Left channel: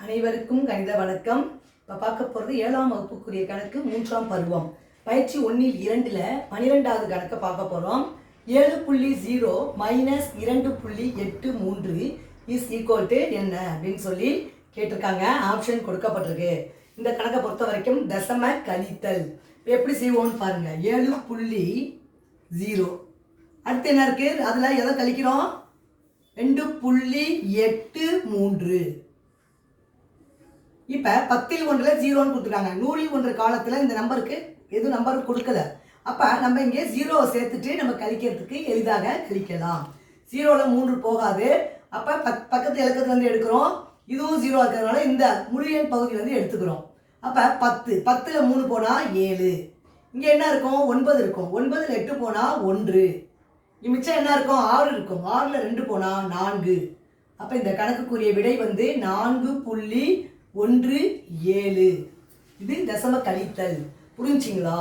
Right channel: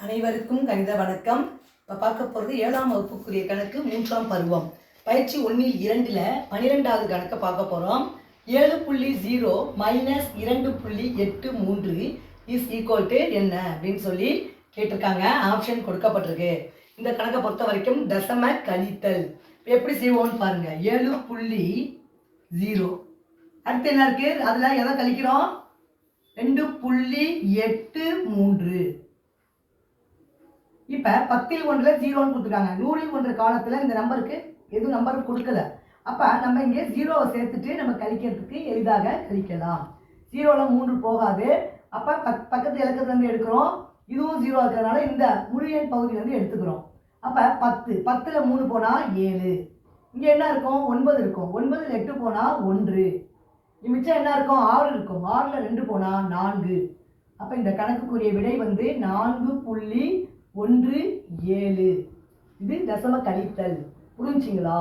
அனைவருக்கும் கணித வணக்கம். இப்போ பார்க்க போகிறது 7ஆம் வகுப்புக்குரிய கணக்கு 3ஆம் பருவம் பயிற்சி 1-2 12வது கணக்கை பார்க்க போகிறோம். 7.0 - 2.83 இஸ் ஈக்குவல் டு என்ன அப்படின்னு சொல்லி கேட்டிருக்காங்க. ஆப்ஷன் கொடுக்கப்பட்டிருக்கு. இந்த கணக்கை பொறுத்த வரைக்கும் தசம கழித்தல் எப்படி செய்வோம்னு பாருங்க. 7.0 அடுத்து என்ன இருக்குது, அதில் எதை கழிக்கிறோம்? 2.83. இப்போ 10ல் 1 0ன்னு கொடுத்துருக்காங்க. 100ல் 1 காலத்தில் இந்த நம்பருக்கு எதுவும் நம்பர் கொடுக்கல. அப்போ நம்ம இங்கே 0வை சேர்த்துட்டு நம்ம கழிக்கிறதுக்கு எளிதாக கழிக்கலாம். 0ல் 3 போகாது. அப்போ பக்கத்து இலக்கத்துலேருந்து எடுக்கிறோம். இதுவும் 0 இருக்கிறதுனால இந்த முழு எண் பகுதியிலேருந்து எடுத்துக்கிறோம். அப்போ 10ல் 3 போனால் 7. இங்கே என்ன இருக்கும்? 9 இருக்கும். 9ல் 8 போனால் 1. மிச்சம் என்ன இருக்கும்? 6 இருக்கும். 6ல் 2 போனால் 4. அப்போ இந்த கணக்குக்குரிய விடை வந்து 4.17. இது தசம கழித்தல். புரிஞ்சுங்களா?